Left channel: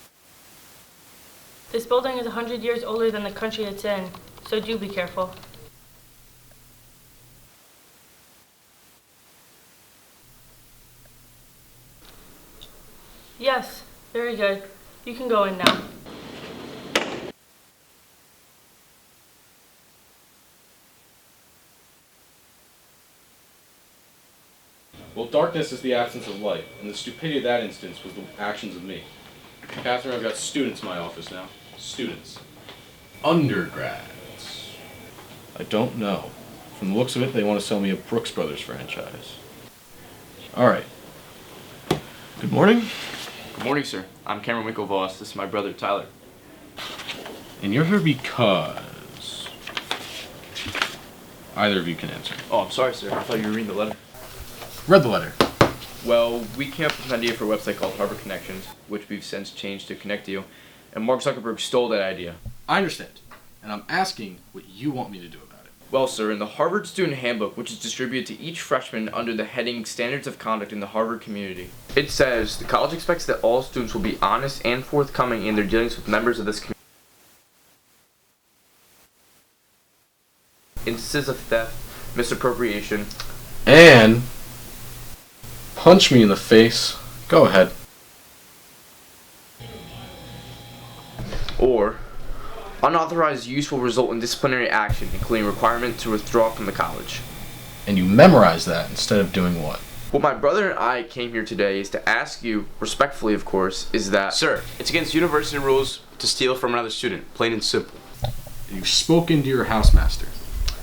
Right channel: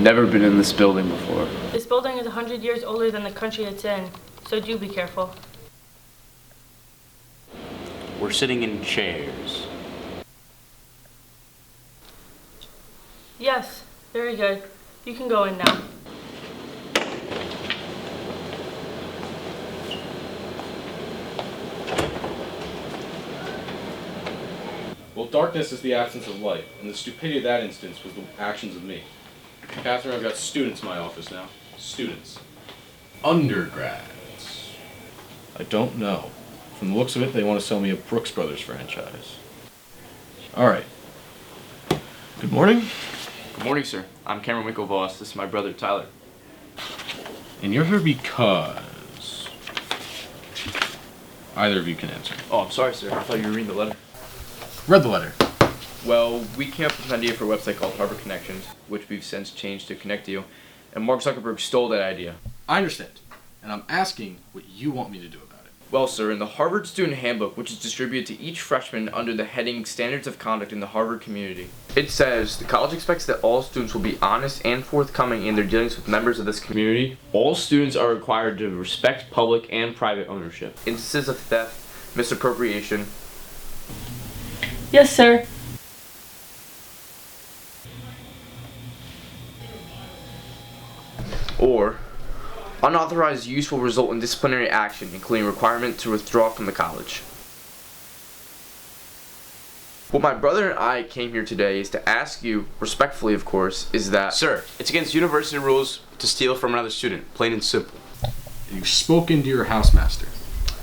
Never been in this building before. This building is 100 years older than the country it's in, so do be careful. We're sitting in chairs. Yes, very good. You can go in now. Well, darkness is the absence of light, and the stupidity of that instance was the actions of me. Catherine, I've got students in my office now. Students. Undergrads. I don't know. From the looks of it, they want to sell me a Brooks Brothers franchise. Alright. Good morning. Good morning, sir. I'm Cameron Winklevoss. This is my brother, Tyler. And you're here because... either of you can answer. Oh, I'm sorry, sir. I thought you were reading the letter. Read the letter. Well, we came up with an idea for a website called Harvard Connections, which we've since changed to Connect You, and Mark Zuckerberg stole that idea. I understand. And I'm asking what you want me to do about it. Well, sir, in the Harvard Student Handbook, which is distributed to each freshman under the heading Standards of Conduct in the Harvard Community, it says, the college expects that all students will be honest and forthcoming in their dealings with members of this community. All students are required to respect public and private ownership. Instances of theft, misappropriation, And... Yes, sir. punch me in the face. Go ahead. or unauthorized use will result in disciplinary action, including requirement to withdraw from the college. And you memorize that instead of doing what? What my brother and I came here today is to ask you, respectfully of course, is that... Sir, it's against university rules to steal from another student, plain and simple. You've spoken to your housemaster.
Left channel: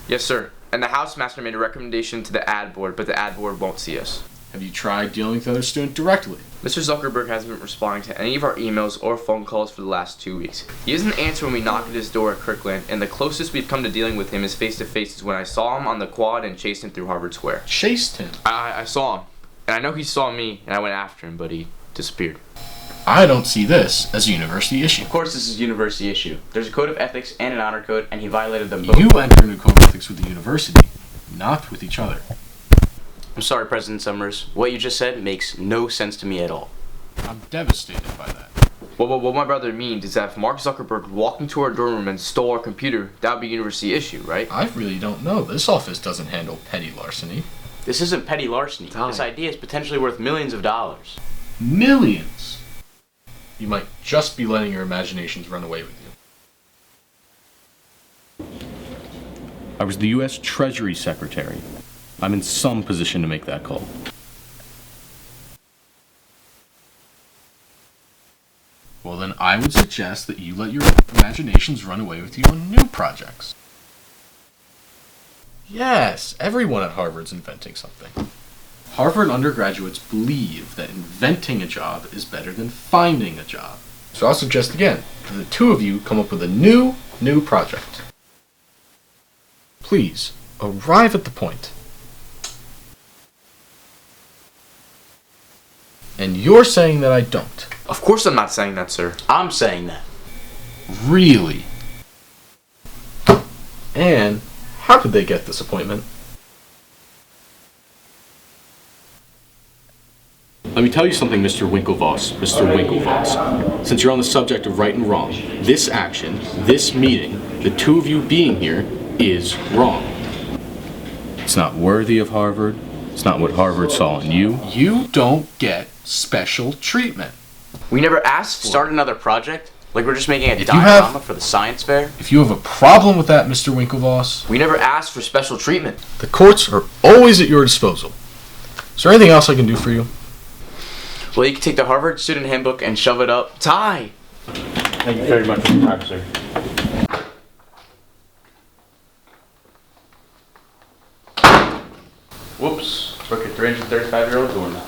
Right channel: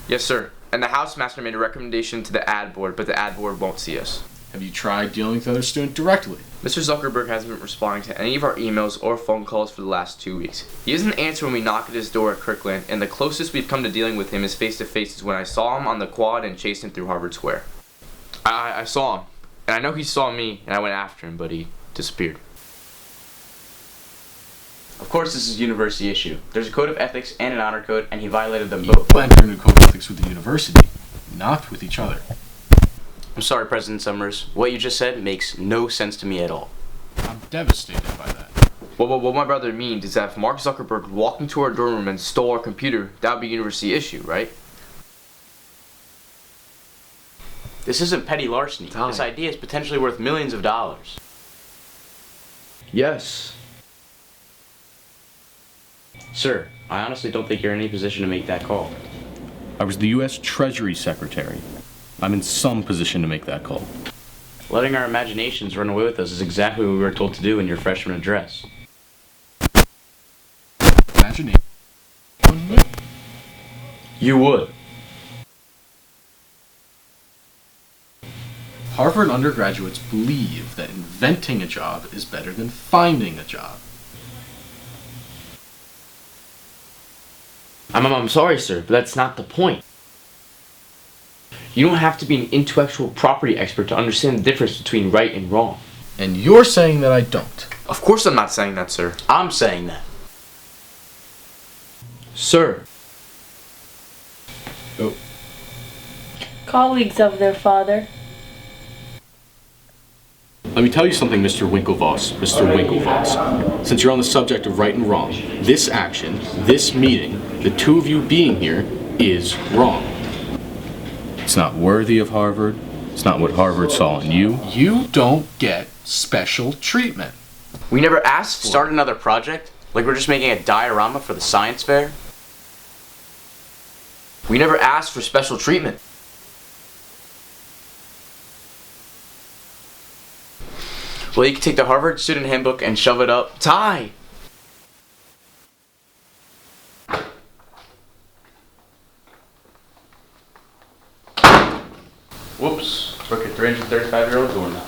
Yes, sir. And the housemaster made a recommendation to the ad board, but the ad board won't see us. Have you tried dealing with the other student directly? Mr. Zuckerberg hasn't been responding to any of our emails or phone calls for the last 2 weeks. He doesn't answer when we knock at his door at Kirkland, and the closest we've come to dealing with him is face-to-face is when I saw him on the quad and chased him through Harvard Square. Chased him? I saw him, and I know he saw me, and I went after him, but he disappeared. I don't see this as a university issue. Of course this is a university issue. There's a code of ethics and an honor code, and he violated them both. You entered into code of ethics with the university, not with each other. I'm sorry, President Summers. What you just said makes no sense to me at all. I'm devastated by that. Well, what my brother means is that if Mark Zuckerberg walked into our dorm room and stole our computer, that would be a university issue, right? I really don't know. This office doesn't handle petty larceny. This isn't petty larceny. This idea is potentially worth millions of dollars. Millions? Yes. You might just be letting your imaginations run away with you. Sir, I honestly don't think you're in any position to make that call. I was the U.S. Treasury Secretary. I'm in some position to make that call. Letting our imaginations run away with us is exactly what we were told to do in your freshman address. Well, then I would suggest that you let your imaginations run away with you on new projects. You would. Yes, everyone at Harvard's inventing something. Harvard undergraduates believe that inventing a job is better than finding a job. So I'll suggest again that the two of you come up with a new project. I'm sorry, sir, but that's not the point. Please, arrive at the point. You don't have to be an intellectual property expert to understand the difference between right and wrong. And you're saying that I don't. Of course I'm not saying that, sir. I'm saying that. Really? Sir. And how did they get this appointment? Colleagues of their father. Let me tell you something, Mr. Winklevoss. Mr. Winklevoss. Since you're on the subject of right and wrong, this action, this meeting, the two of you being here, is wrong. It's not worthy of Harvard. It's not what Harvard saw in you. You don't get special treatment. We never asked for Start another project? Like we're just making a diorama for the science fair? If you have a problem with that, Mr. Winklevoss, We never asked for special treatment. the courts are always at your disposal. Is there anything else I can do for you? Well, you can take the Harvard Student Handbook and shove it up. Ty! Thank you very much for your time, sir. Whoops, broke a 335-year-old doorknob.